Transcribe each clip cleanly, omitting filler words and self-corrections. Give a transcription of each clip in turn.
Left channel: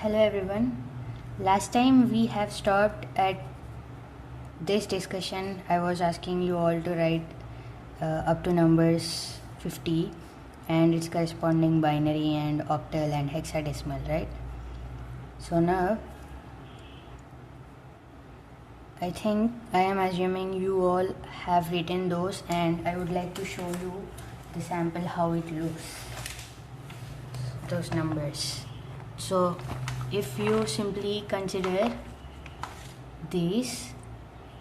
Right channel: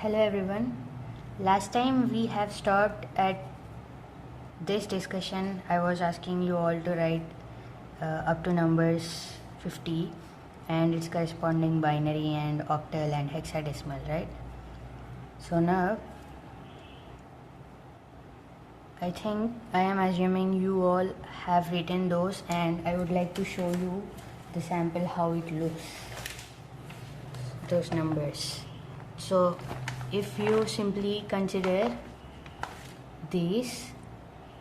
Hello everyone. Last time we have stopped at this discussion. I was asking you all to write up to numbers 50 and its corresponding binary and octal and hexadecimal, right? So now I think I am assuming you all have written those, and I would like to show you the sample how it looks, those numbers. So if you simply consider these,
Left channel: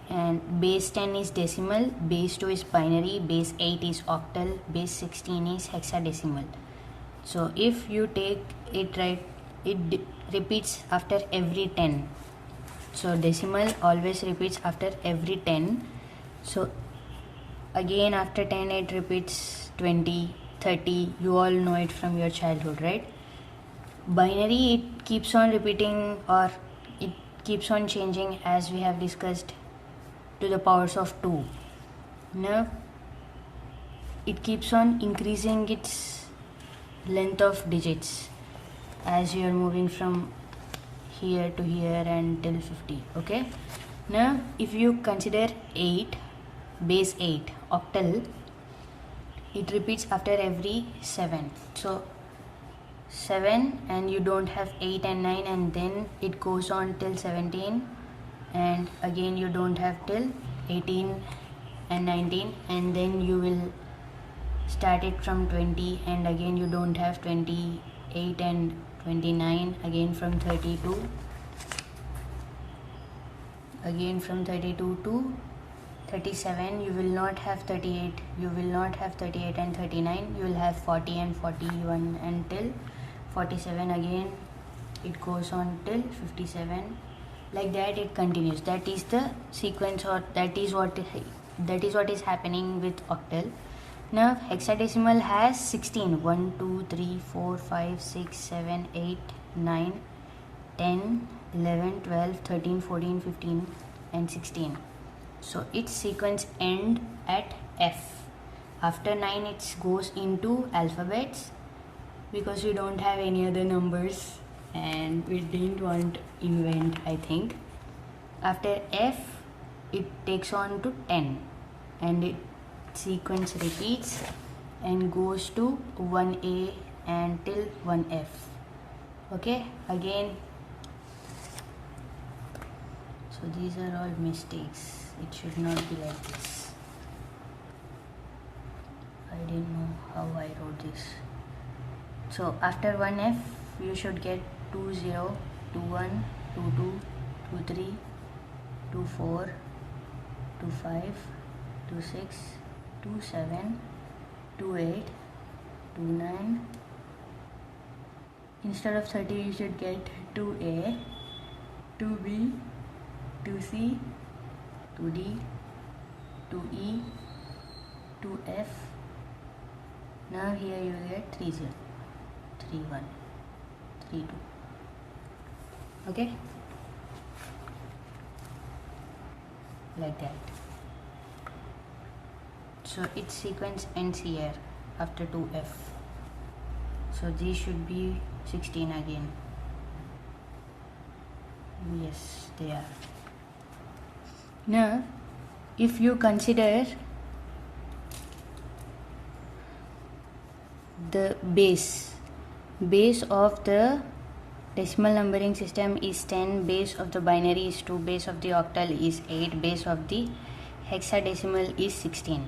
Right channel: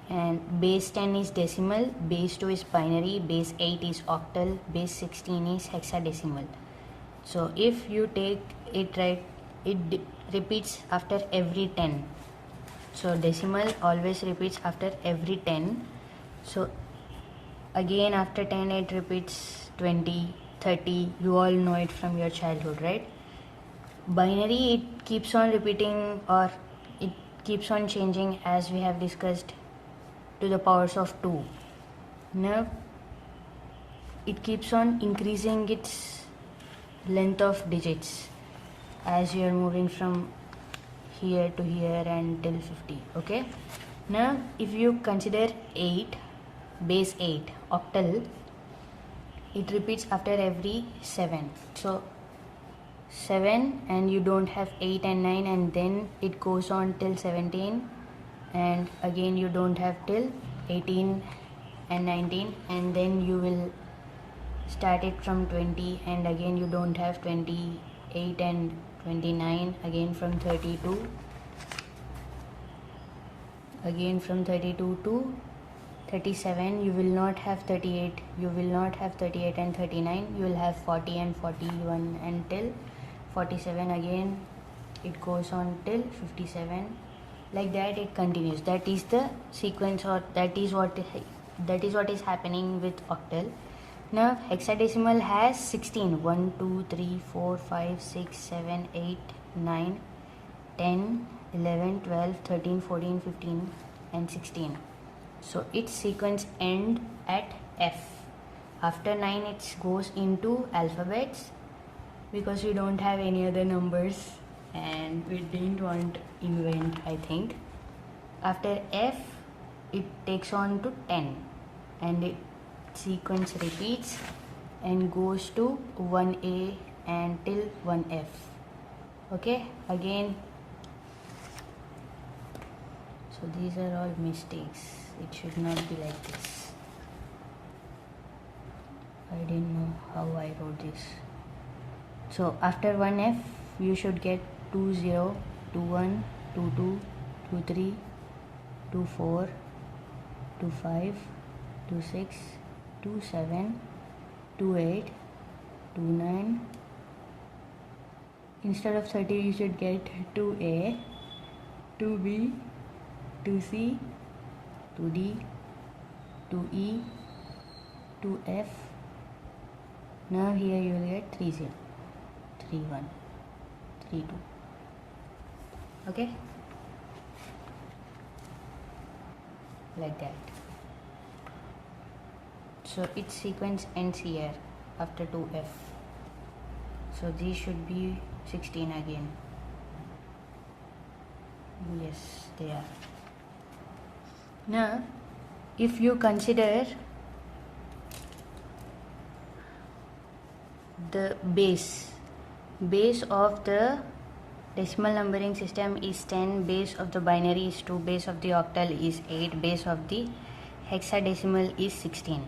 and base 10 is decimal, base 2 is binary, base 8 is octal, base 16 is hexadecimal. So if you take it right, it repeats after every 10. So decimal always repeats after every 10. So again after 10 it repeats 20, 30. You all know it from your childhood, right? Binary, it keeps on repeating, or it keeps on changing, as we have discussed, to the powers of 2. Now it keeps on increasing its length of digits as you are moving from here to here until 50. Okay, now if you consider 8, base 8 octal, it repeats after every 7. So 7, and you don't have 8 and 9, and then it goes on till 17, and again you don't have till 18 and 19, and then you will start it from 20, and again you don't have 28 and 29, again from 32, again from 32 to 37. You will not have 38, you will not have 38 and 39, you will have 40 and 41 until 47. Again it goes on till 57. Like that it continues. That is the sequence, or that is what is happening with octal. Now hexadecimal has 16. 1 2 3 4 5 6 7 8 9 10 11 12 13 14 15 and 16. So its sequence end at F. After 9 it goes into alphabets, because we don't have any other numbers and we didn't want to invent, I think. After F it takes on to 10, and it sequence repeats and goes to 1A and till 1F. Okay, again. So these are all mistakes. It should not be like this. I didn't know how I wrote this. So after 1F you should get 20, 21, 22, 23, 24, 25, 26, 27, 28, 29. Instead of 30 you should get 2A, 2B, 2C, 2D, 2E, 2F. Now here you will get 30, 31, 32. Okay, like that. So its sequence ends here after 2F. So these should be 16 again. Yes, they are. Now if you consider the base of the decimal numbering system is 10, base of the binary is 2, base of the octal is 8, base of the hexadecimal is 16.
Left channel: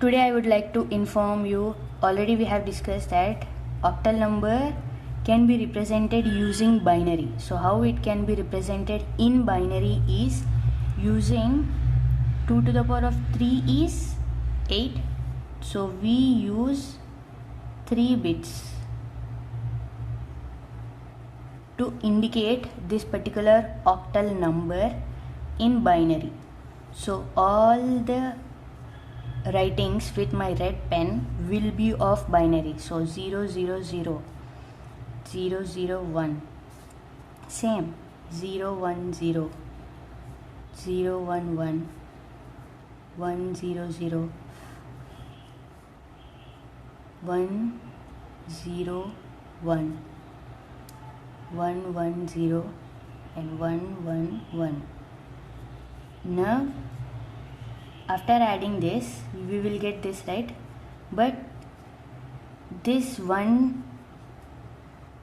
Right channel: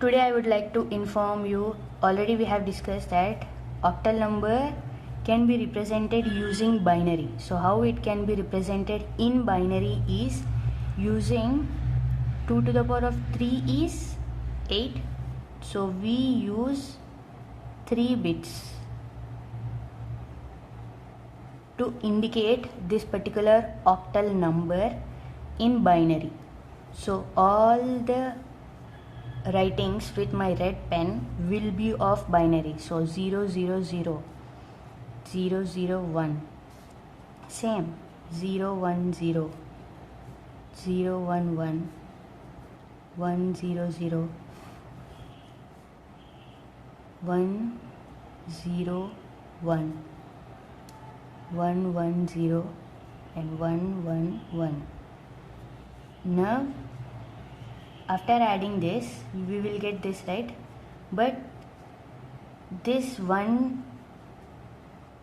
Today I would like to inform you, already we have discussed that octal number can be represented using binary. So how it can be represented in binary is using 2 to the power of 3 is 8. So we use 3 bits to indicate this particular octal number in binary. So all the writings with my red pen will be of binary. So 0 0 0, 0 0 1, same 0 1 0, 0 1 1, 1 0 0, 1 0 1, 1 1 0 and 1 1 1. Now after adding this we will get this, right? But this 1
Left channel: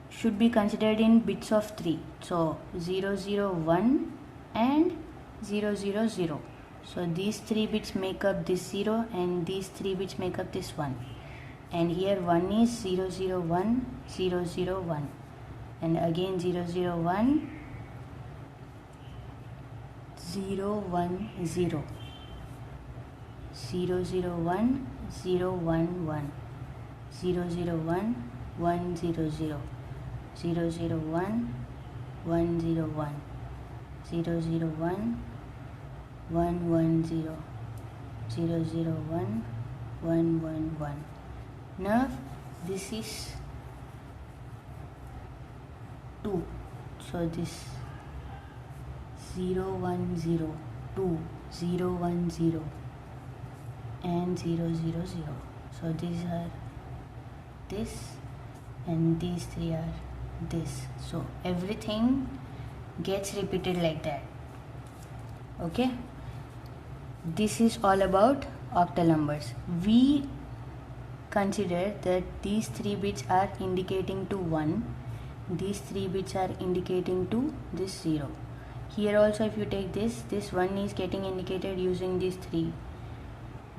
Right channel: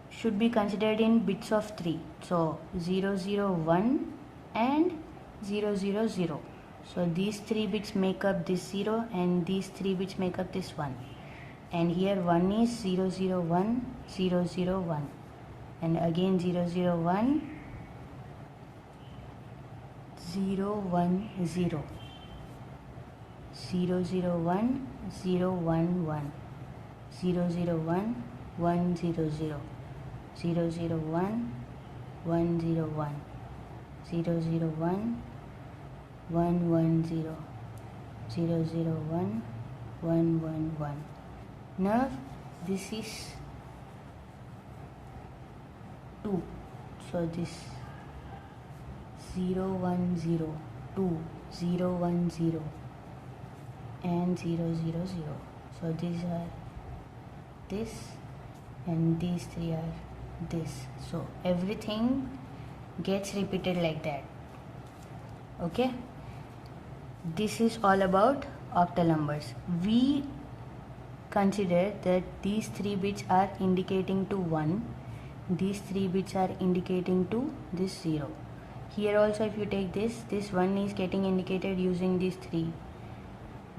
should be considered in bits of 3. So 0 0 1 and 0 0 0. So these 3 bits make up this 0 and these 3 bits make up this 1. And here 1 is 0 0 1 0 0 1 and again 0 0 1 0 1 0 0 0 1 0 1 1 0 0 1 1 0 0 0 0 1 1 0 1 0 0 1 1 1 0 0 0 1 1 1 1. Now this is 2. So this 0 1 0 2 0 1 0 and 0 0 0. So these are this and these 3 are this. So everything gets repeated like that. Okay, this is all about octal numbers. We consider that these 3 bits are indicating to 1, these 3 bits are indicating to this 0. Here also if you take this 1 is getting indicated using these 3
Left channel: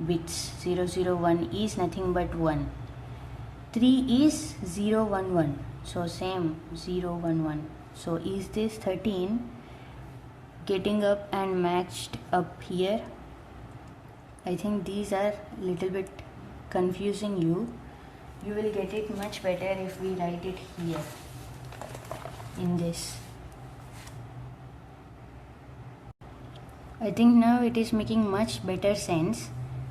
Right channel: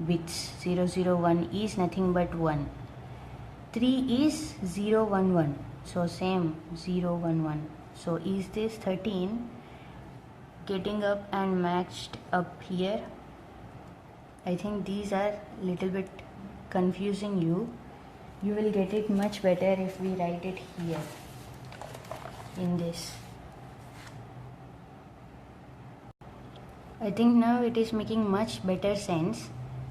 bits. 0 0 1 is nothing but 1. 3 is 0 1 1. So same 0 1 1. So is this 13 getting up and matched up here? I think these are little bit confusing you. You will get it much better if we write it here in this. I think now it is making much better sense.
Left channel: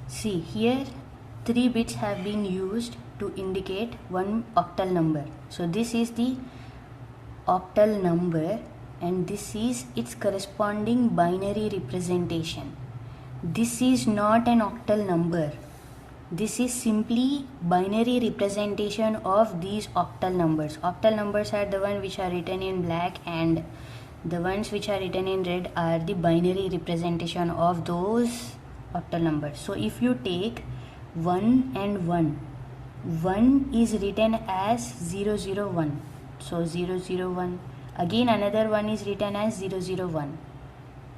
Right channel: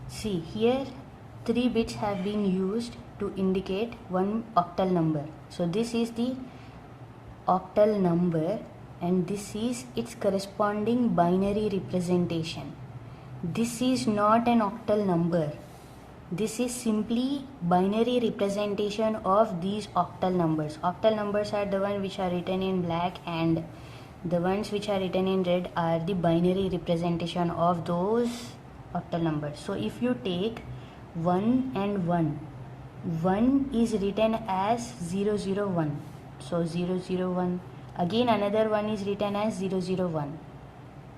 See, here 3 bits have been used to indicate one octal number. So this is the octal number and this is its corresponding binary representation. This is not an octal number. This is simply binary representation of these octal numbers. Octal numbers are the ones which are written in black and the ones which are written in red are the binary representation of those octal numbers. So if you take 1 and 1, 1 is written as 0 0 1. So 0 0 1. Again another one is written as 0 0 1.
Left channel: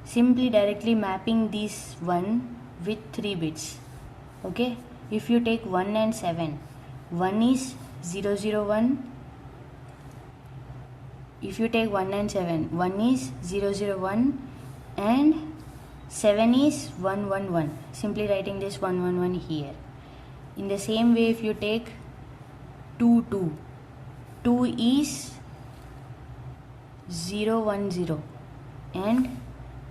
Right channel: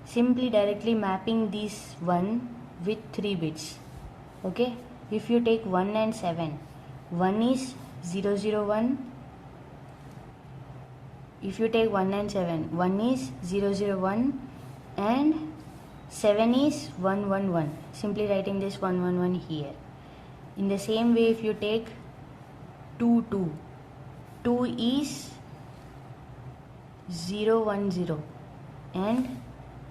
Simply directly mapping this 1 with 3 bits. Okay. If you take 1 and 7, 1 is 0 0 1. If you take 1 and 7, 1 is 0 0 1 and 7 is 1 1 1. Simply writing this 1 1 1 here. In the same way, if you take 2 2, 2 is 0 1 0 and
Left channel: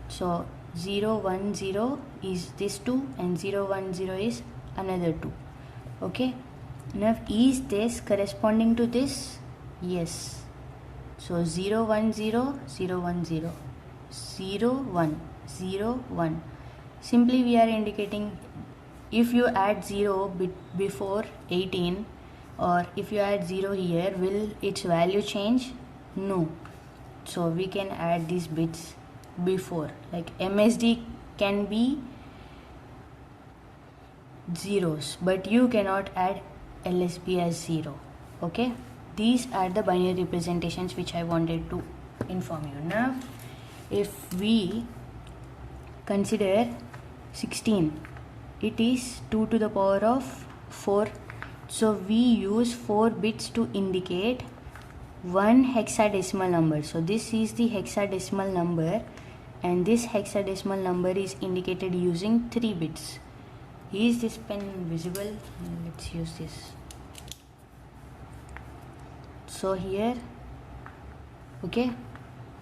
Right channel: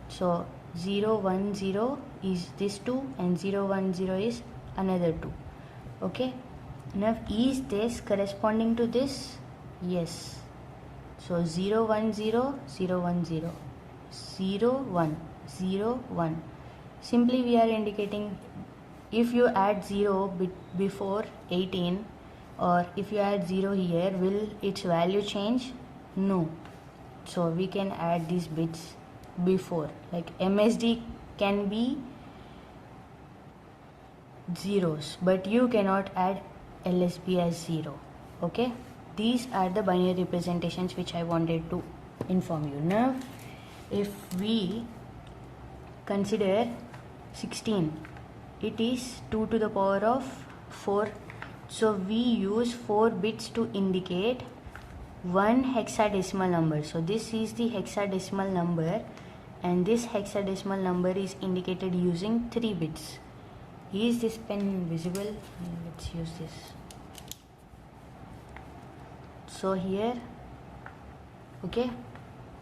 so 0 1 0 is this 2 and 0 1 0 is another 2. Okay, now is this corresponding to this? Yes. So 0 1 0 0 1 0 0 1 0 1. Simply we are indicating if you add 0 before 18 or if you add 0 here, will its value change? No. So we can add these bits before, like MSD can be zeros, but you cannot add LSB as 0. Okay, these are the binary representations which I wanted to inform you. Now if we consider 16, it is 2 to the power of 4. So we use 4 bits to indicate one hexadecimal number. So this is the hexadecimal number and this hexadecimal number is indicated using 3 bits. Is this pen visible? Let's use this. So here, okay,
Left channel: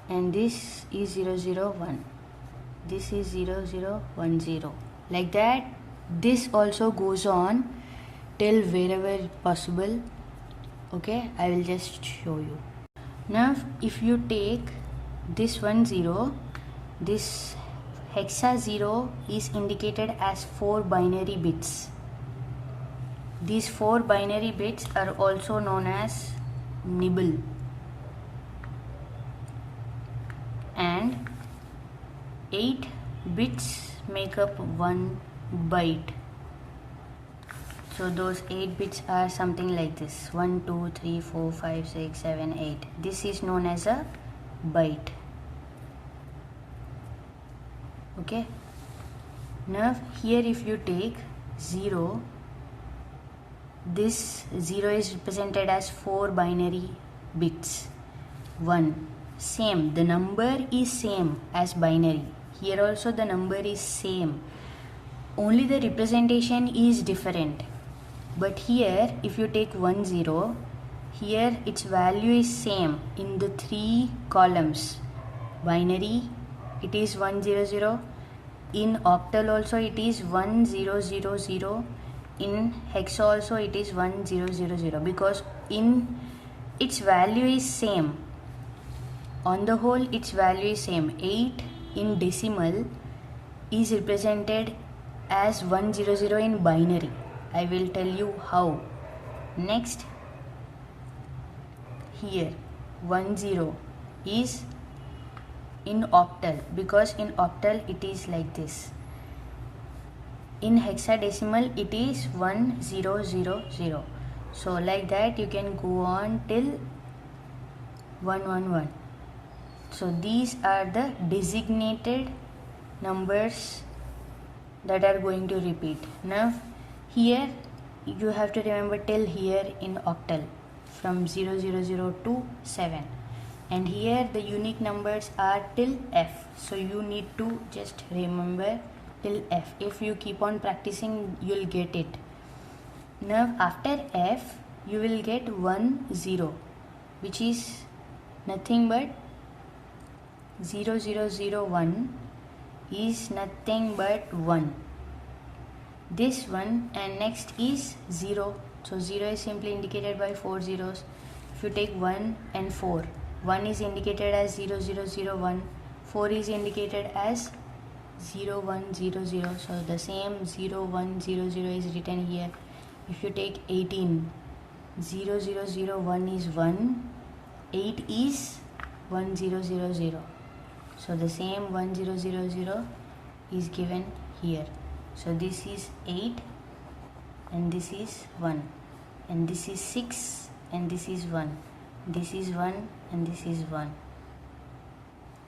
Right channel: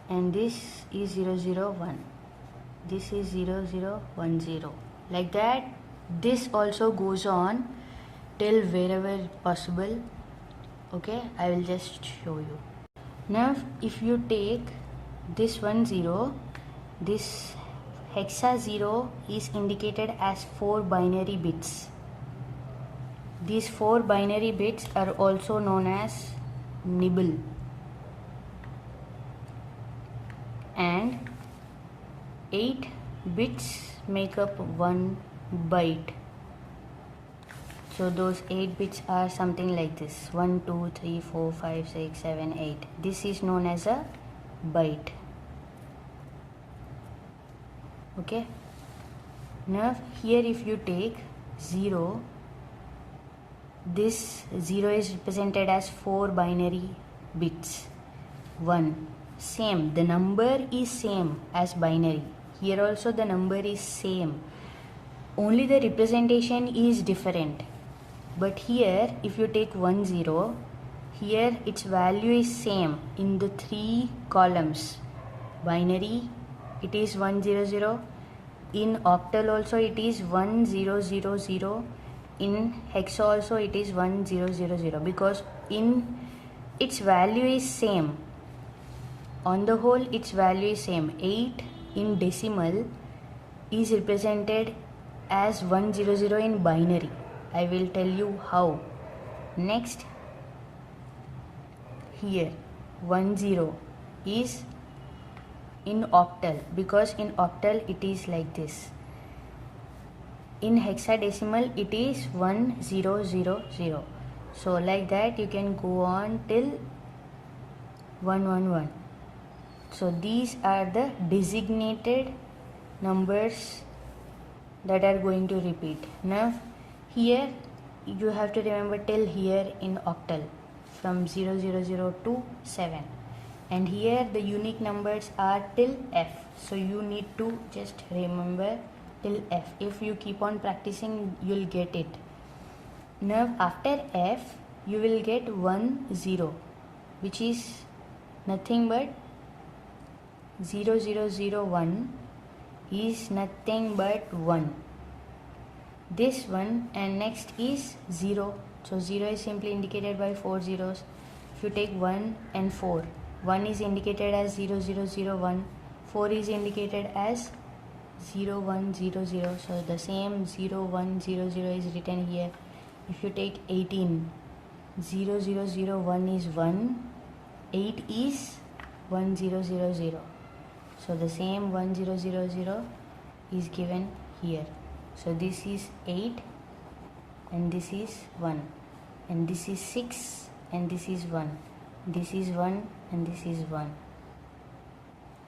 and this is 0 0 1. This is 0 0 1 0. Like that, this also goes on till wherever possible. Okay, I will just show you. Now if you take this 1 0, this hexa 0 is indicated as 4 binary bits. These 4 binary bits are also known as nibble. and 8 bits make up 1 byte. So those 8 bits are something like this: 1, 2, 3, 4, 5, 6, 7, 8. This is known as a byte. Okay. Now here if you take 0, this 0 is represented as 4 binary bits. 1, same, the number is same as binary. Here also the number is same, only the representation is different. But here if you take 1, 0, here its value is same in the 3 columns. Binary, it is 1, 0, 0. In octal also it is 1, 0, 0, 0. In hexa also it is 1, 0, 0, 0, because in its value is same. On the whole its value is same. 8 in decimal is represented as 1, 0, 0 in binary. I will tell you how. Next, here 1, 0 is in octal, because in octal it is like this. In hexadecimal it is 1, 0, 0, 0. So like that you can go on till 1, 1, 1. So these are the designated numbers that are going to repeat. Now here you have to remember till here in octal, from 0, 0, 0 to 7. And here the unique numbers are till F. So you need to just remember till F. If you keep on practicing, you'll get it. Now after F you will get 1, 0, which is nothing but 0, 0, 0, 1 is nothing but 1. This one, and next is 0. So 0 is simply indicated by 4 zeros. If you take 1 and 4, 1 is indicated as 0, 0, 0, 1. 4 is indicated as 0, 1, 0, 0. So the same 0, 1, 0, 0 is written here. If you take 18, 0, 0, 0, 1 is 1. 8 is 1, 0, 0, 0. So the same 1, 0, 0, 0 is given here. So this is 8 and this is 1, and this is 6 and this is 1. This is 1 and this is 1.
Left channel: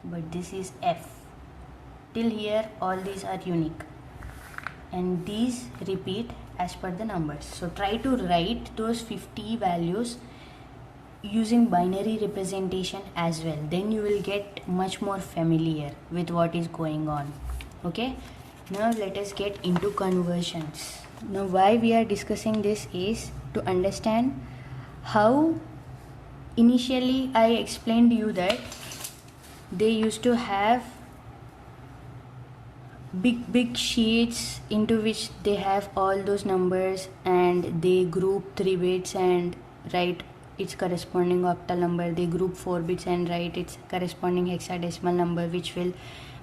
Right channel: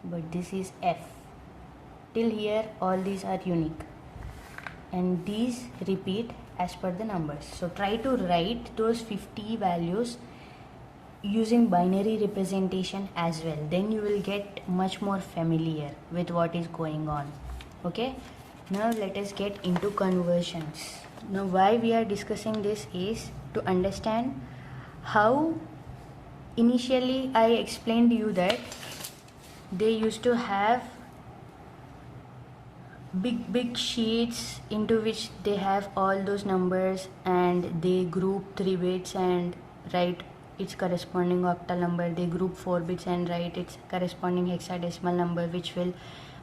But this is F. Till here all these are unique, and these repeat as per the numbers. So try to write those 50 values using binary representation as well. Then you will get much more familiar with what is going on. Okay. Now let us get into conversions. Now why we are discussing this is to understand how initially I explained you that they used to have big sheets into which they have all those numbers, and they group 3 bits and write its corresponding octal number. They group 4 bits and write its corresponding hexadecimal number, which will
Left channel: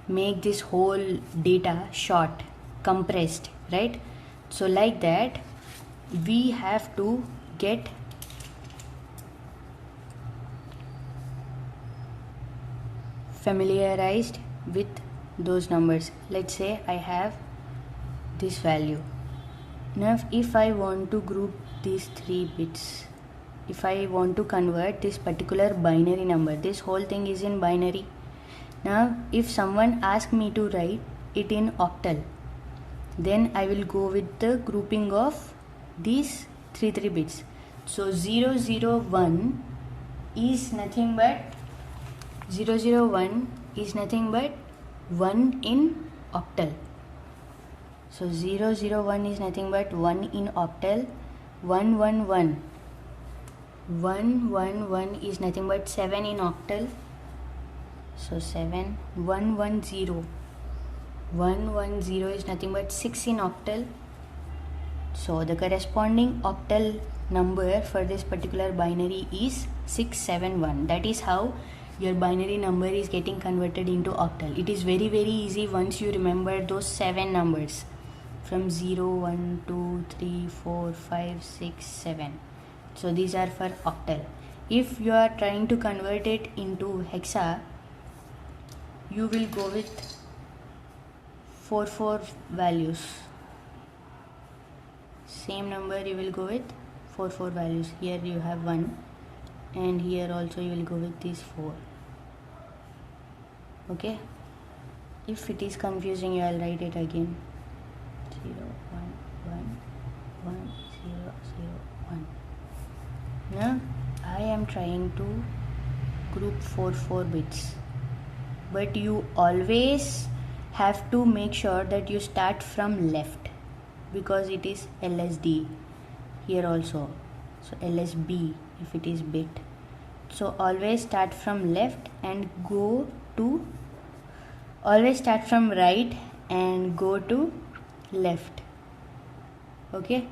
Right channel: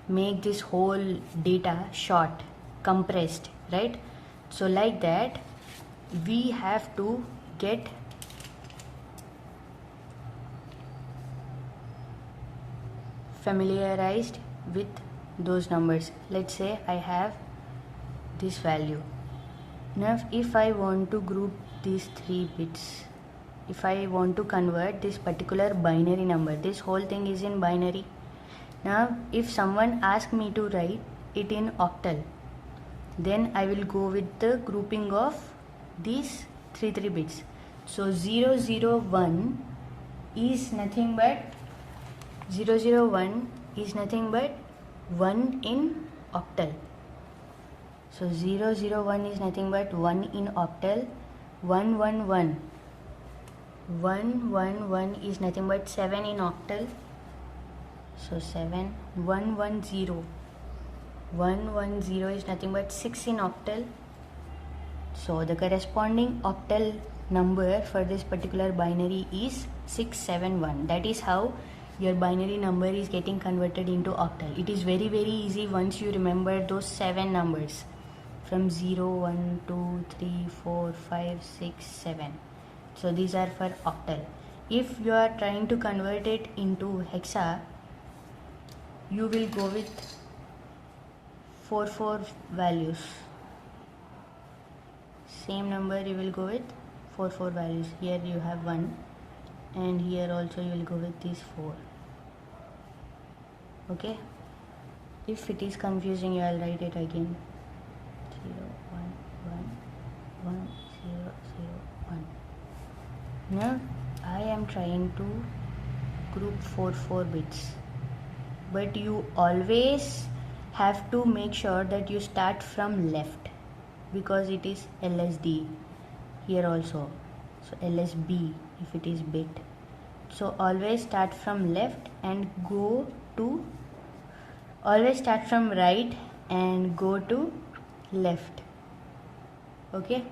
make this whole data short, compressed, right? So like that we have to get familiarized with those numbers. Let's say I have this value. Now if I want to group these 3 bits, if I want to convert this particular binary number, this whole thing is in binary. Now if someone asks me to write it in octal, then I will go with the grouping of these 3 bits. So 001 is nothing but 001 is nothing but 1 in octal. So 001 is nothing but 1 in octal. 111 111 is nothing but 7 in octal. So 7. 110 110 is nothing but 6 in octal. So the corresponding octal number for this particular binary is 671. That is how your binary number is getting converted into octal. It is very easy once you remember those 7 numbers from 0, 1, 2, 3, 4, 5, 6, 7. So these are for octal. If you are trying to convert it into hexa, you will go with 4 values. Same number you will go with 4 values. Here you have 1 and here also you will go with these 4. Okay, if it is confusing you, I'll write it again. 0 1 1 1 0 0 1. Now I am trying to group 4 bits, but you always have to make sure that you start from left, because it is LSD here also, so LSB if it is bit. So always start from left and go to, always start from right and go to left, okay,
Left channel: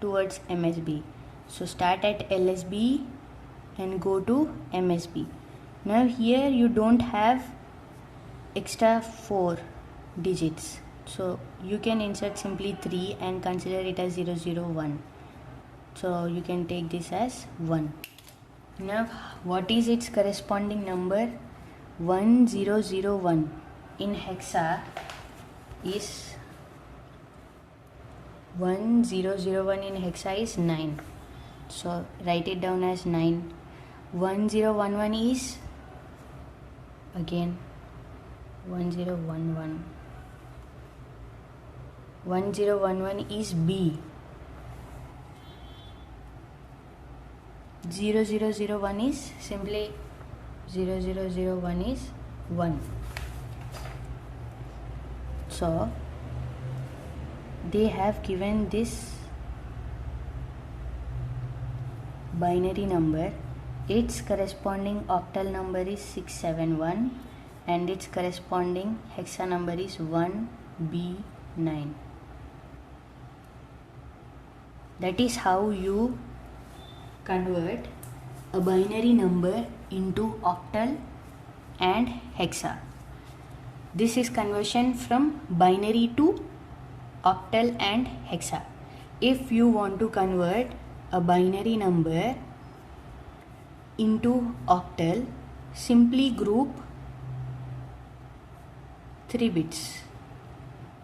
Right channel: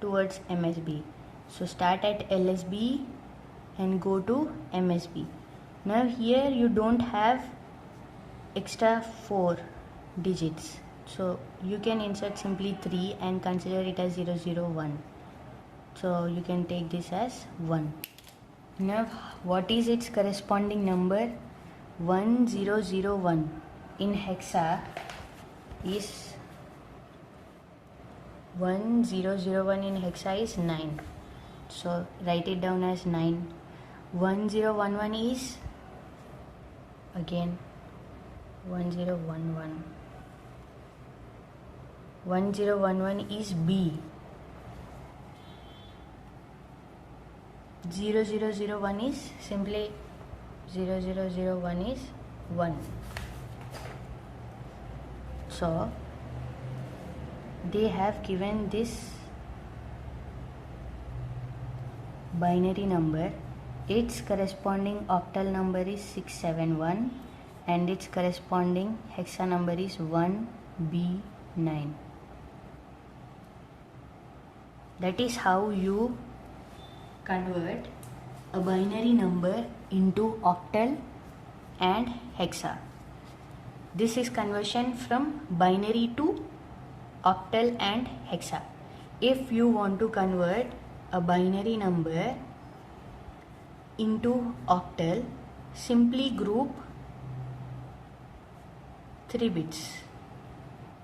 towards MSB. So start at LSB and go to MSB. Now here you don't have extra 4 digits, so you can insert simply 3 and consider it as 001. So you can take this as 1. Now what is its corresponding number? 1001 in hexa is 1001 in hexa is 9. So write it down as 9. 1011 is again 1011. 1011 is B. 0001 is simply 0001 is 1. So they have given this binary number. Its corresponding octal number is 671 and its corresponding hexa number is 1B9. That is how you convert a binary number into octal and hexa. This is conversion from binary to octal and hexa. If you want to convert a binary number into octal, simply group 3 bits.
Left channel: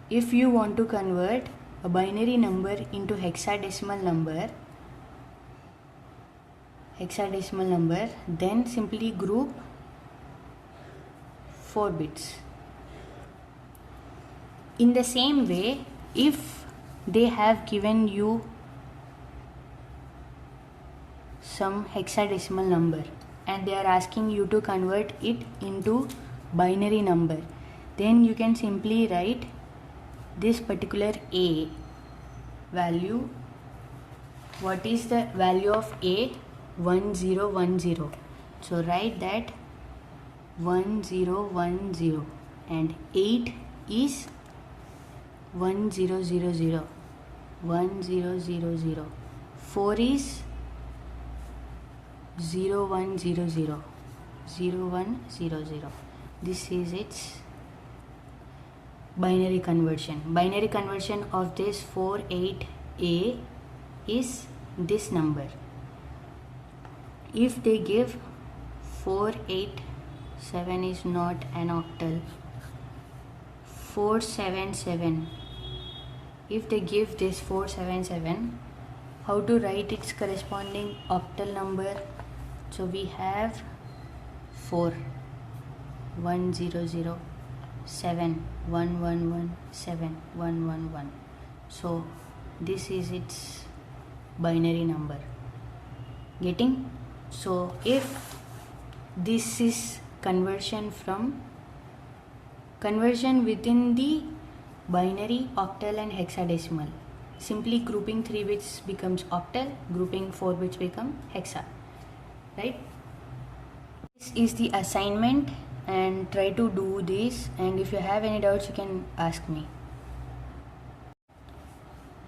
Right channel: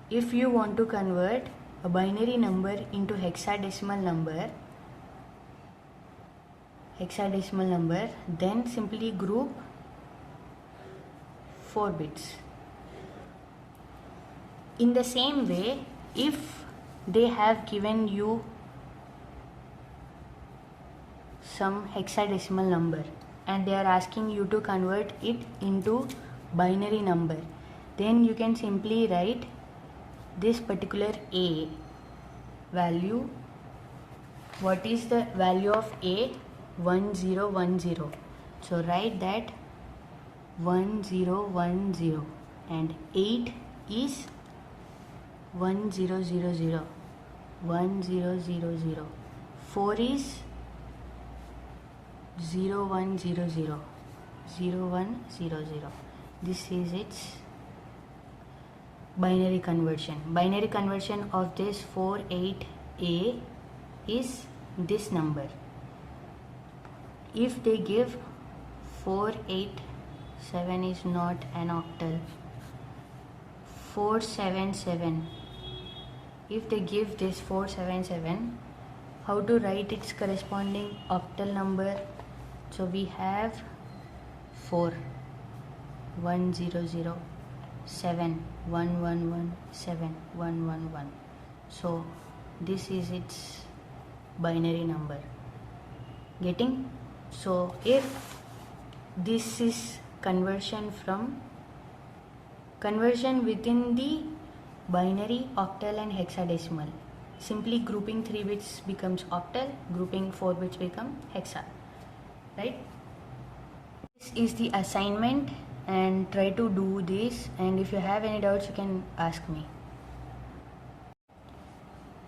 If you want to convert a binary number into hexadecimal number, then simply group 4 bits. In the same way, if they have given you some hexadecimal number and they are asking you to convert it into binary number, then you can simply write this particular A value. What is the value of A? 1010. So write that 1010 and 8 is 1000, 1000. 4 is 0100, 0100. This is its binary conversion. Binary conversion of this 48A is this number. If they give 487 is not an octal. 477. If they give this 477, how to write its corresponding octal number? So we have 4 100 7 111 7 111. So this is its binary number. Getting? So if this is conversion within the binary, octal and hexadecimal, simply grouping 3 bits becomes octal, grouping 4 bits become hexa, right? This is the assignment and try to do this, and if you have any doubts you can ask me.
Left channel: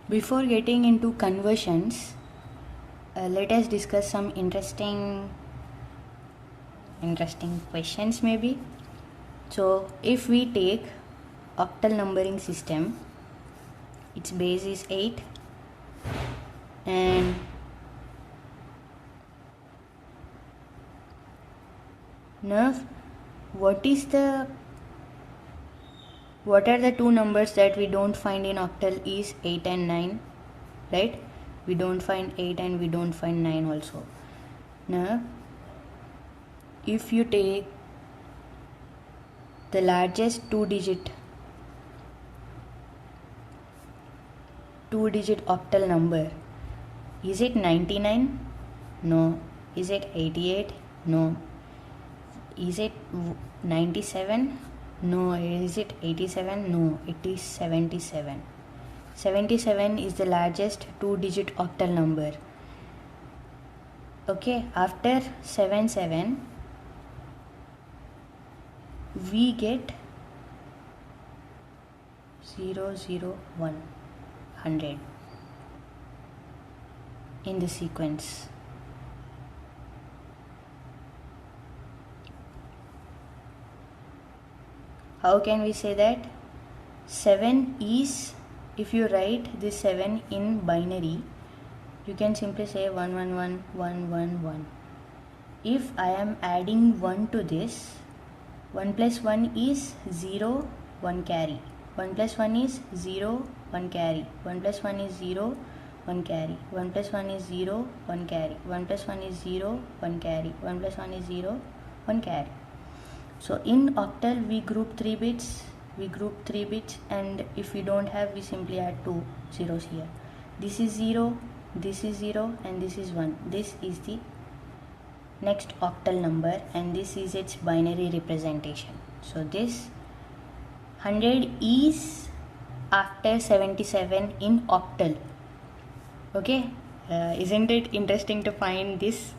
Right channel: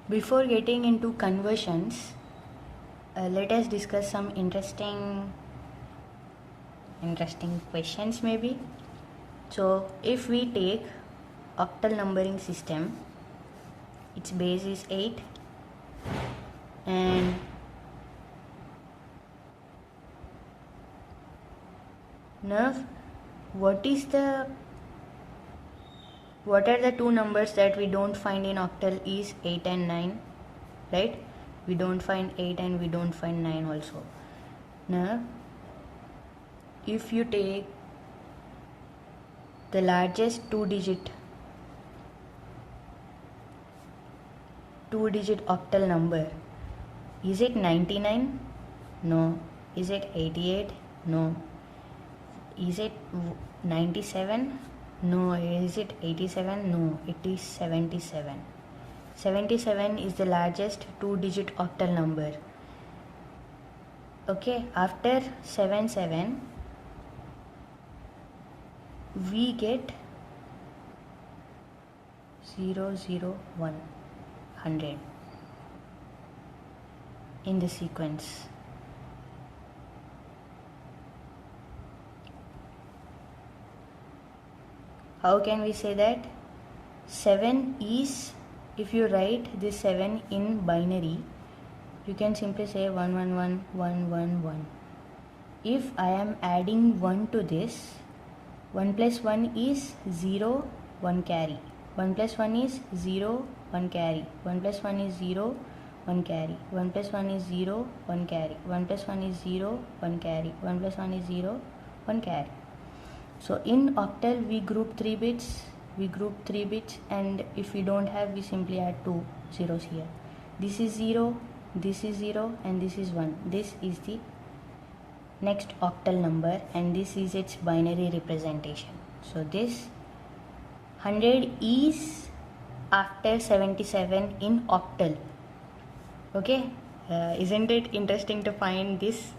Before getting into conversions, let us discuss some interesting questions maybe. So if we take octal numbering system, its base is 8 and now what are the two numbers that we don't find in octal is 8 and 9, right? We don't find 8 and we don't find 9 also. Now if you take the largest two digit octal number, is it 99? No. Is it 88? No. Is it 97? No. Is it 87? No. It is 77. 77 is the largest two digit octal number. Okay, after 77 we get 001, 100 in the sequence. How can we say that? 7 is, if you write this 7 in binary, you can simply say 111. If I am adding 1 to this, 1 plus 1 is 0, 1 carry. 1 plus 1 is 0, 1 carry. 1 plus 1 is 0, 1 carry. 1 plus 1 is 0, 1 carry. 1 plus 1 is 0, 1 carry. 1 plus 1 is 0, 1 carry. So in octal we group 3 bits. And if we don't have, we simply add 2 zeros here. This is 0, this is 0 and this is 1. This is the next octal number and this is its binary representation. So this 100 is after 77 in octal. Okay, isn't it interesting to find this?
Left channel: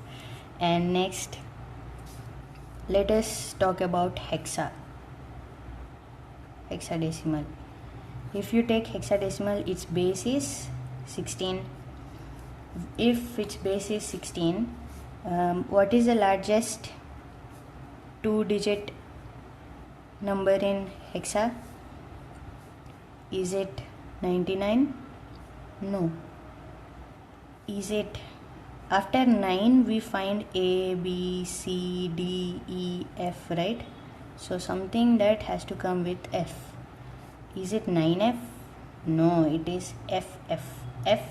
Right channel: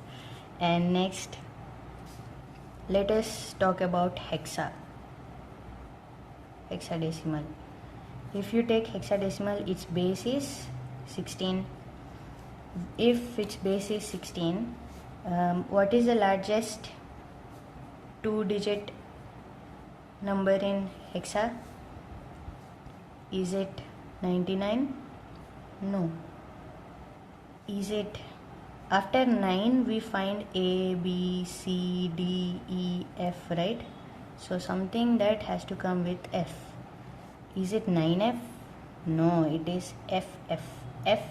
And next let us talk about hexadecimal. If you take hexadecimal, its base is 16. If its base is 16, what is the largest two digit number in hexa? Is it 99? No. Is it after 9 we find A, B, C, D, E, F, right? So something that has to come with F. Is it 9F? No, it is FF. F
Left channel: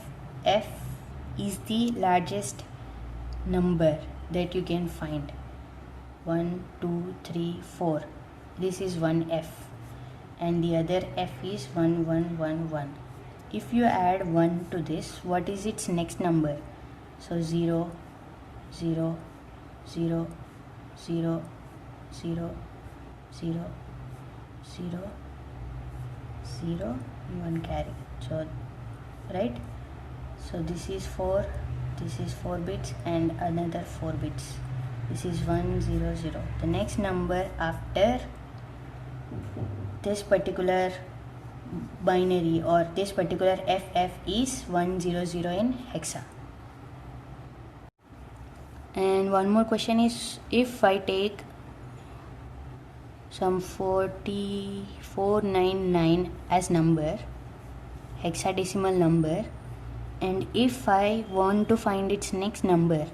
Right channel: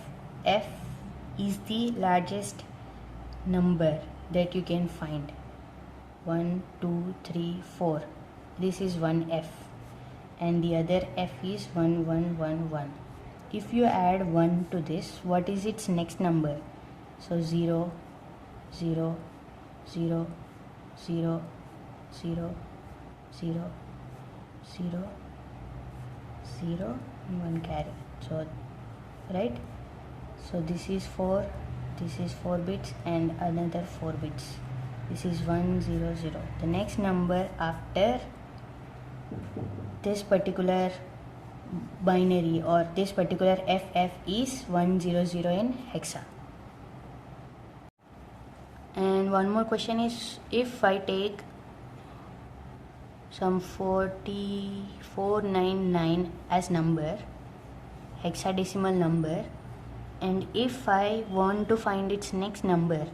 is the largest number that you can find. 1, 2, 3, 4. This is 1F and the other F is 1111. If you add 1 to this, what is its next number? So 0, 0, 0, 0, 0, 0, 0, 0 and 1 carry. So right, so this is 4 bits and another 4 bits. This is 1, 0, 0. The next number after this particular binary or this particular FF is 100 in hexa. And one more question is, if I take some 4499 as number, hexadecimal number, and if I want to find its next number,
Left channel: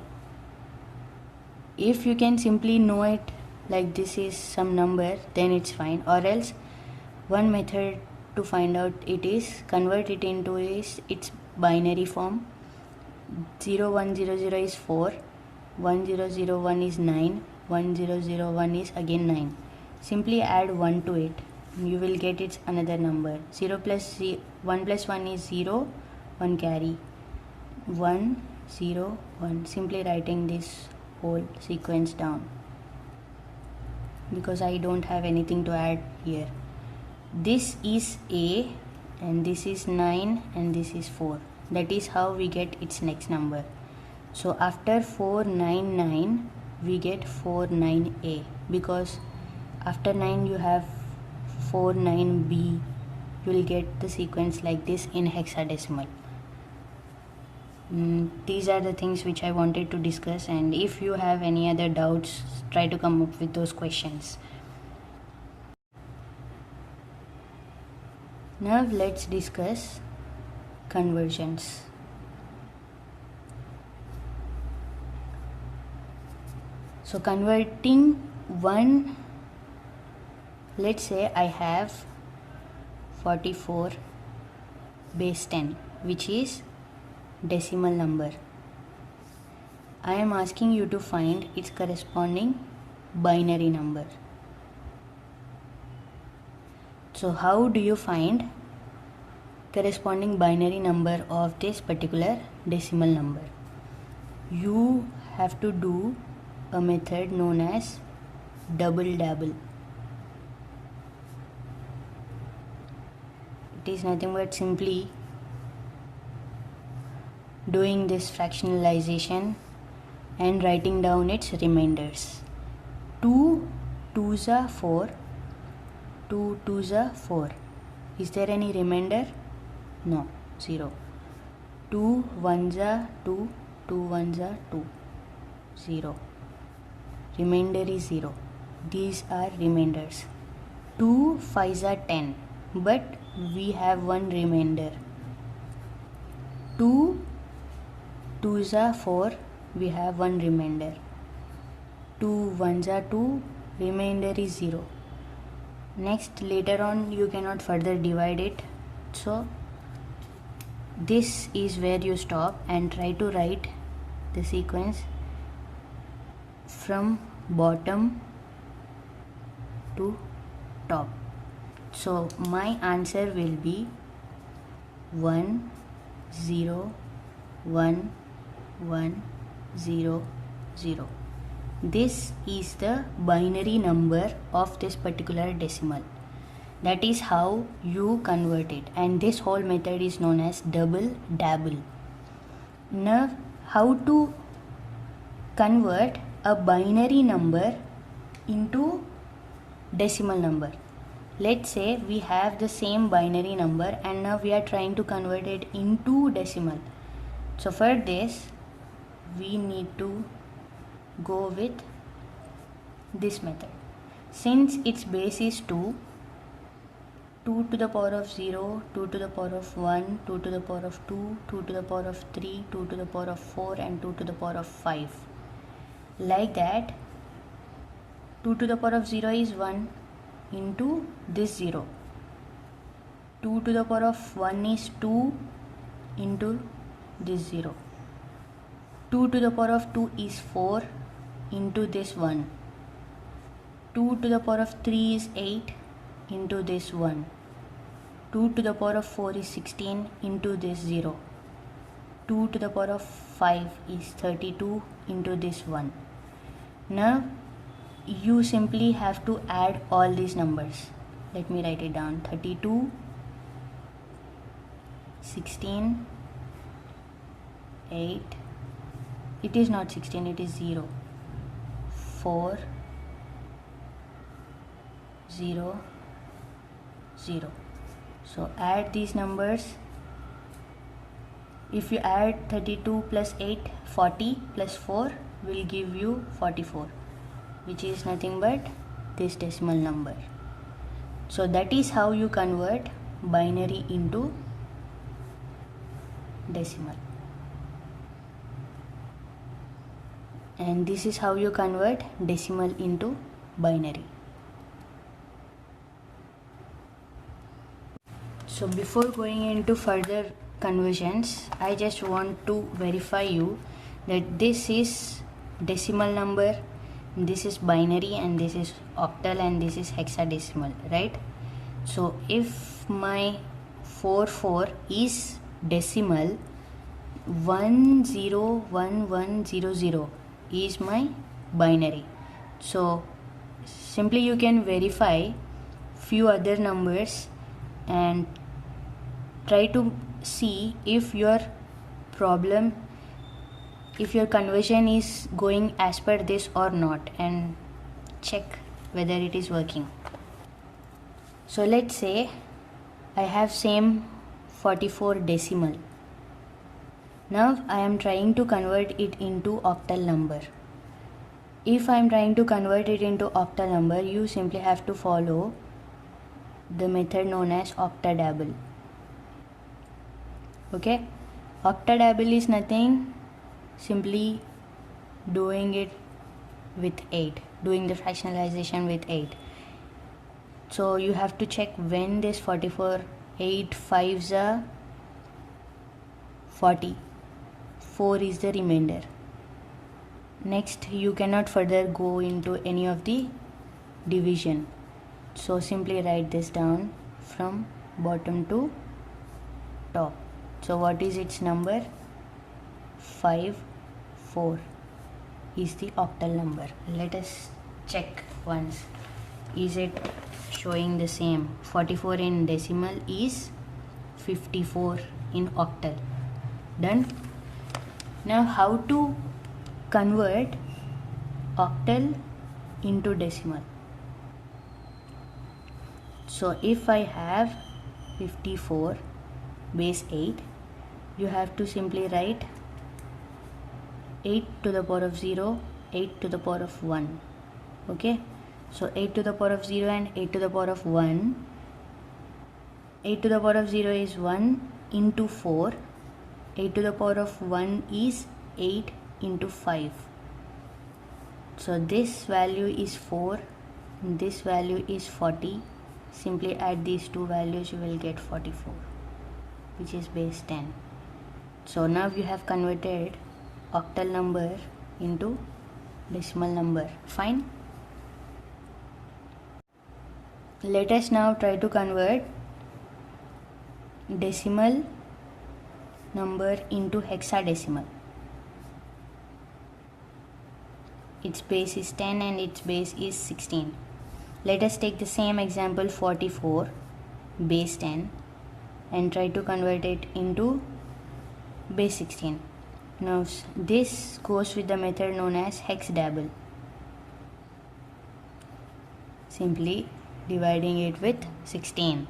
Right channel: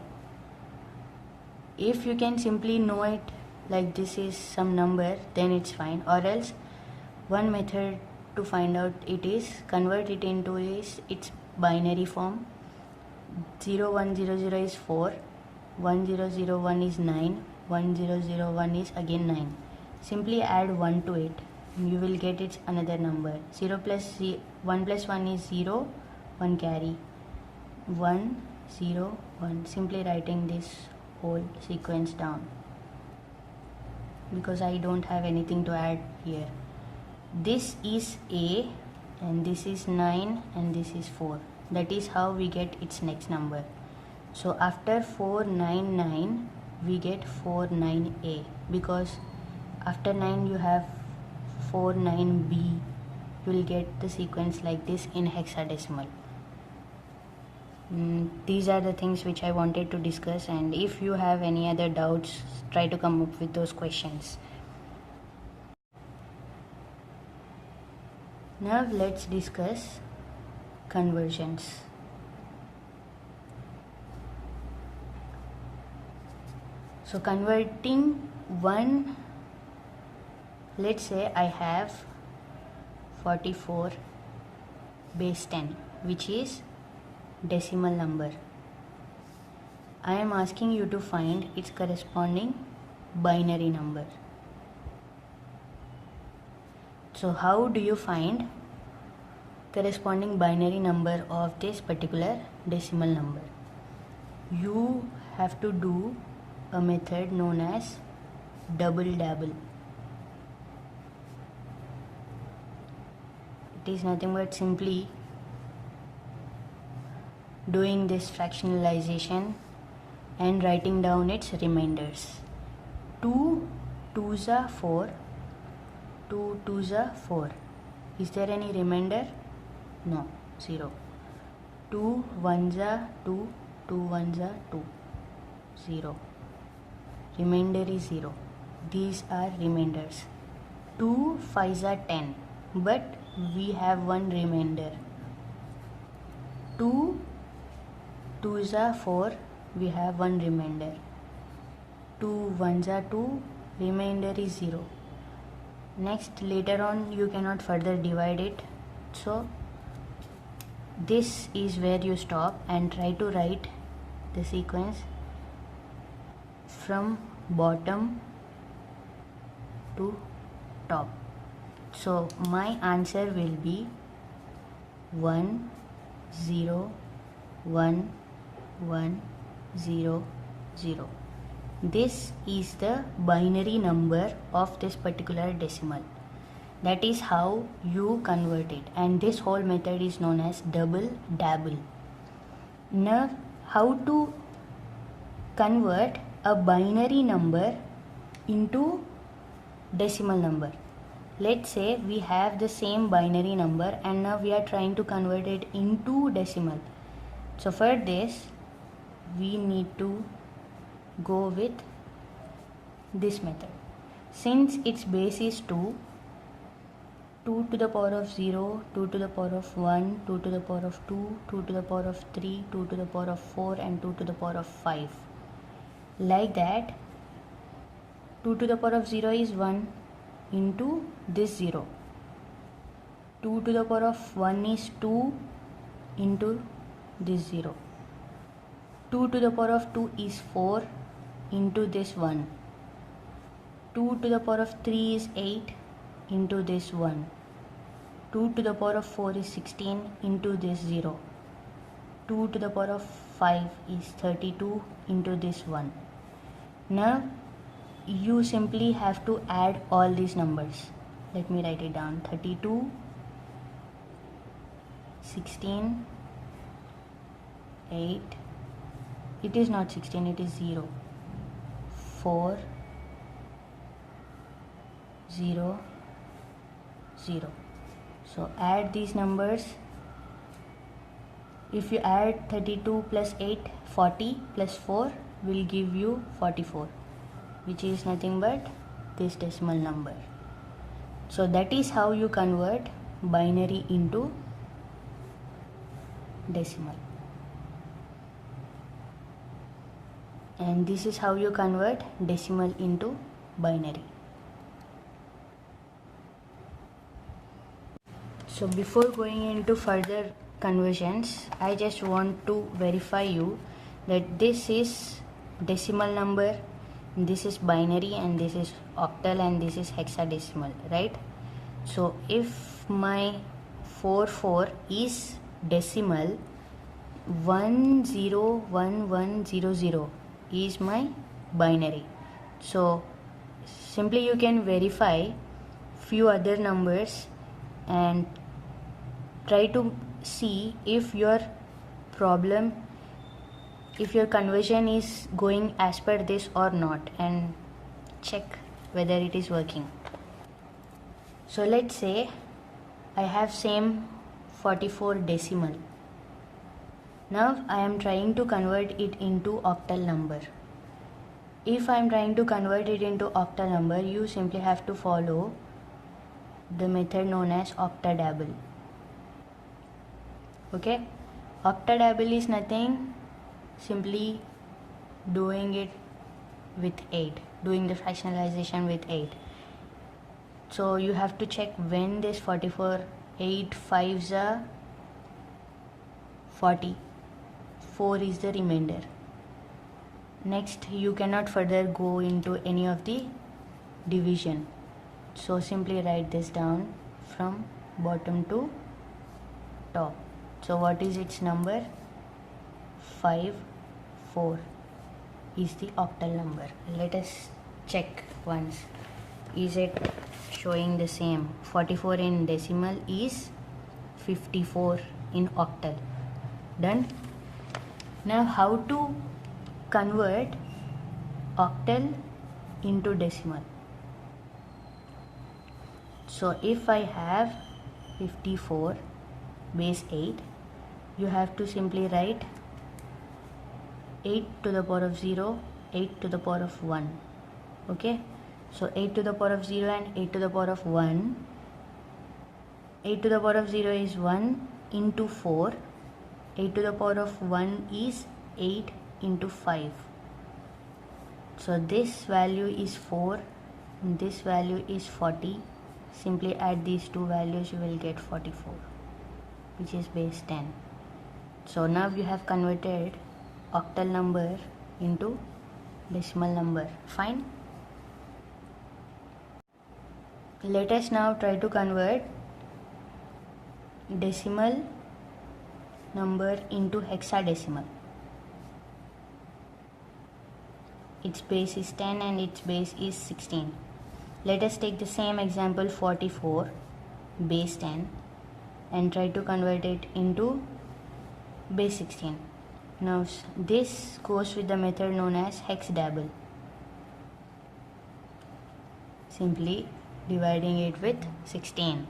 if you can simply know it like this is some number, then it's fine. Or else one method to find out it is convert it into its binary form. 0100 is 4, 1001 is 9, 1001 is again 9. Simply add 1 to it, you will get its another number. 1 plus 1 is 0, 1 carry. 1, 0, 1. Simply writing this whole sequence down because I don't have anything to add here. This is A and this is 9 and this is 4. That is how we get its next number. So after 499 we get 49A, because after 9 you have 49B. You will get the sequence like this in hexadecimal. These are the things which I wanted to discuss, and if you have any other doubts, try to come up with those questions. Now let's discuss conversions. So converting one Let's say I have 44 base 10, which is decimal number. I am asking you to find its corresponding binary number. So how do you find corresponding binary number of this particular decimal number? You have to do a method known as double dabble. It is nothing but simply doing this fractionalization and writing down its remainders. 2 2s are 4, 2 2s are 4. Is there any remainder? No, 0. 2 1s are 2, 2 1s are 2, 0. Remainder is 0. These are remainders. 2 5s are 10, but we have one remainder. 2 2s are 4, we have one remainder. 2 1s are 2, remainder is 0. Next, later on you cannot further divide it, so this is where you stop and try to write the sequence from bottom to top. So my answer will be 1 0 1 1 0 0. This is the binary number of this particular decimal. That is how you convert it, and this whole method is known as double dabble. Now, how to convert a binary number into decimal number? Let's say we have the same binary number and now we are trying to convert it into decimal. So for this we need to go with this method. Since its base is 2, 2 to the power of 0, 2 to the power of 1, 2 to the power of 2, 2 to the power of 3, 2 to the power of 4 and 2 to the power of 5. Like that, 2 to the power of 0 is 1 into this 0. 2 to the power of 1 is 2 into this 0. 2 to the power of 2 is 4 into this 1. 2 to the power of 3 is 8 into this 1. 2 to the power of 4 is 16 into this 0. 2 to the power of 5 is 32 into this 1. Now you simply have to add all these numbers. Let me write it down. 32, 16, 8, it is not 16, it is 0, 4, 0, 0. So add these numbers. If you add 32 plus 8, 40 plus 4 will give you 44, which is nothing but this decimal number. So that is how you convert binary into decimal. And this is how you convert decimal into binary. So before going into further conversions, I just want to verify you that this is decimal number, this is binary, and this is octal, and this is hexadecimal, right? So if my 44 is decimal, 101100 is my binary. So simply you can verify few other numbers and try to see if your problem, if your conversion is going as per this or not, and check whether it is working. So let's say I have same 44 decimal. Now I am trying to convert it into octal number. If I am trying to convert it into octal number, you simply have to follow the method known as octadabble. Okay, octadabble is nothing, simply doing it with 8, doing the fractionalization with 8. So you have to check when this 44, 8 5s are 40, 4 is the remainder. Next, you cannot further go into any of the division. So simply write this down from bottom to top. So what is its number? 5 4 is the octal number. Let us check once. Is it showing the same? 44 in decimal is 54 in octal. Done. Now how to convert octal into decimal? So if I have 54 base 8, you have to simply write 8 to the power of 0, 8 to the power of 1. Okay, so 8 to the power of 0 and 8 to the power of 1. 8 to the power of 0 is 1 into 4. 8 to the power of 1 is 8 into 5. So this value is 4, this value is 40. Simply add these two values, you will get 44, which is base 10. So now you have converted octal number into decimal number. Fine. Let us now try to convert decimal number into hexadecimal. Its base is 10 and its base is 16. Let us take the same example 44 base 10 and try to convert it into base 16. Now this goes with the method known as hexadable. Simply dividing it with 16.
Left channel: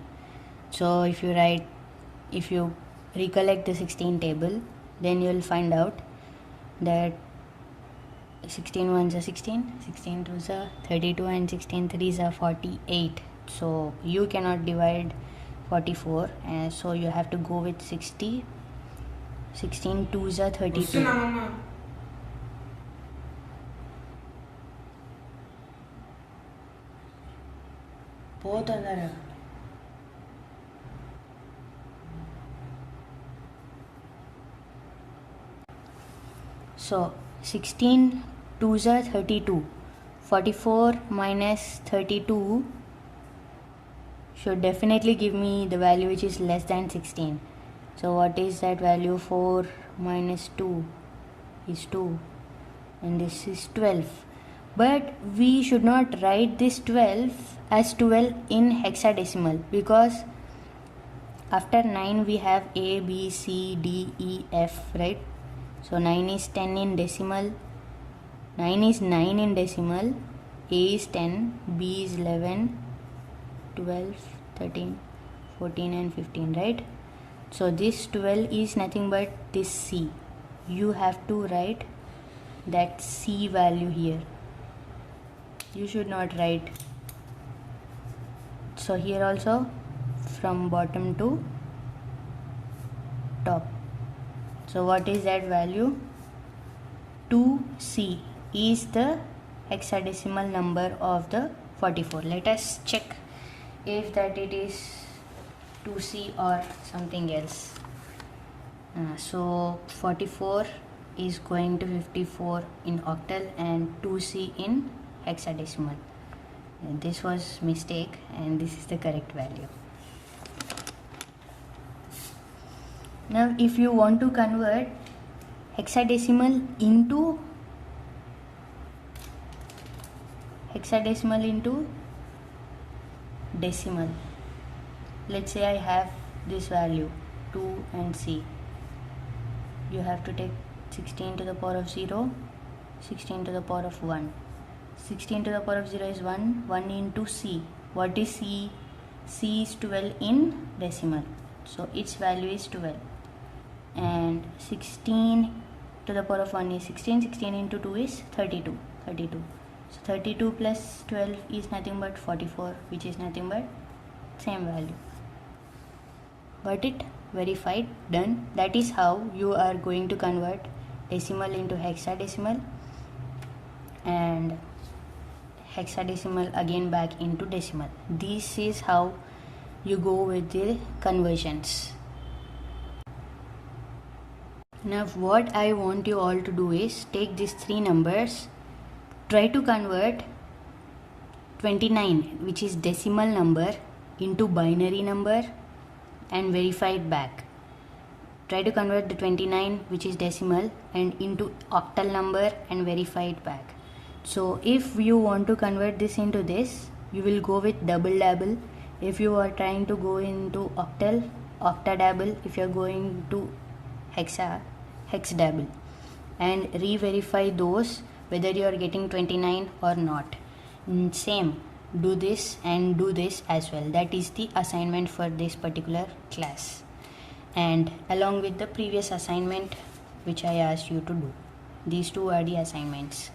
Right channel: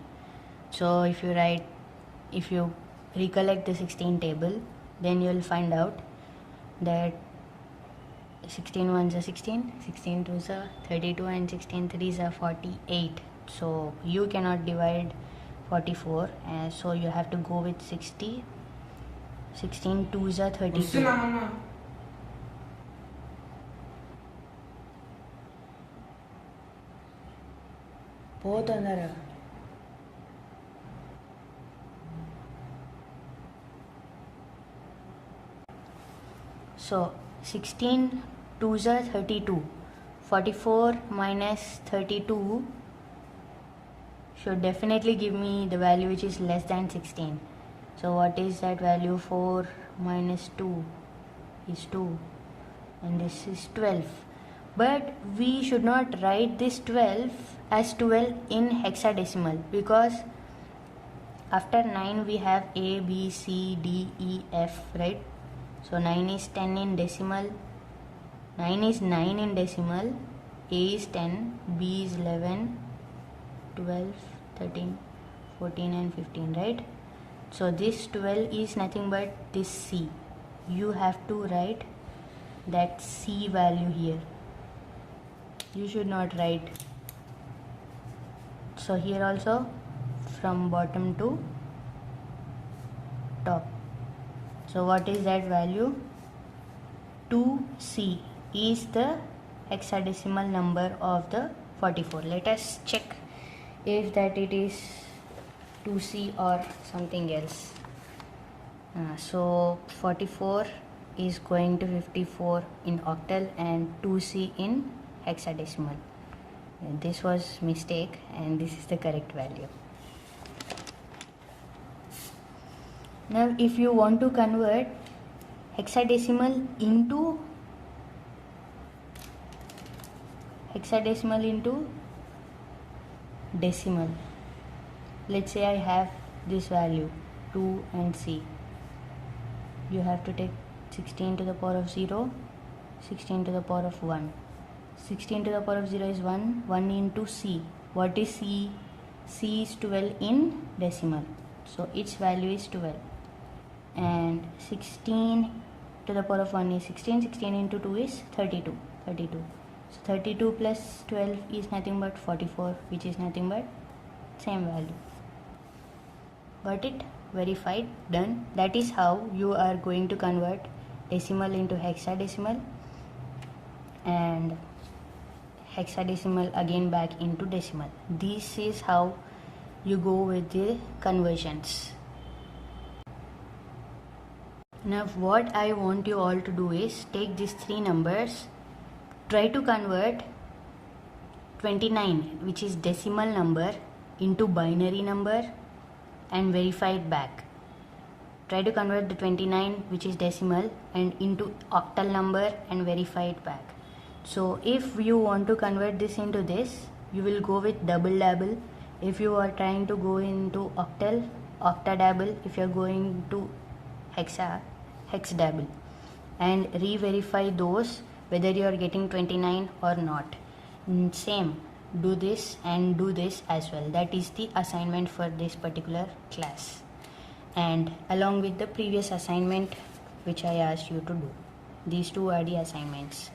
So if you recollect the 16 table, then you will find out that 16 ones are 16, 16 twos are 32 and 16 threes are 48. So you cannot divide 44, so you have to go with 60. 16 twos are 32. So 16 twos are 32. 44 minus 32 should definitely give me the value which is less than 16. So what is that value? 4 minus 2 is 2 and this is 12. But we should not write this 12 as 12 in hexadecimal, because after 9 we have A, B, C, D, E, F, right? So 9 is 10 in decimal, 9 is 9 in decimal, A is 10, B is 11, 12, 13, 14 and 15, right? So this 12 is nothing but this C. You have to write that C value here. You should not write. So here also from bottom to top. So what is that value? 2C is the hexadecimal number of the 44. Let us check if that it is 2C or something else. So 44 is going to 54 in octal and 2C in hexadecimal. And this was mistake and this is the correct value. Now if you want to convert hexadecimal into decimal, let's say I have this value 2 and C. You have to take 16 to the power of 0, 16 to the power of 1. 16 to the power of 0 is 1, 1 into C. What is C? C is 12 in decimal. So its value is 12. And 16 to the power of 1 is 16. 16 into 2 is 32. So 32 plus 12 is nothing but 44, which is nothing but same value. Got it? Verified? Done. That is how you are going to convert decimal into hexadecimal and hexadecimal again back into decimal. This is how you go with the conversions. Now what I want you all to do is take these three numbers, try to convert 29, which is decimal number, into binary number and verify it back. Try to convert the 29, which is decimal, and into octal number and verify it back. So if you want to convert this into this, you will go with double double. If you are trying to go into octal, octadouble. If you are going to hexadouble, and re-verify those whether you are getting 29 or not. Same, do this and do this as well. That is the assignment for this particular class, and along with the previous assignment which I asked you to do. These two are the assignments.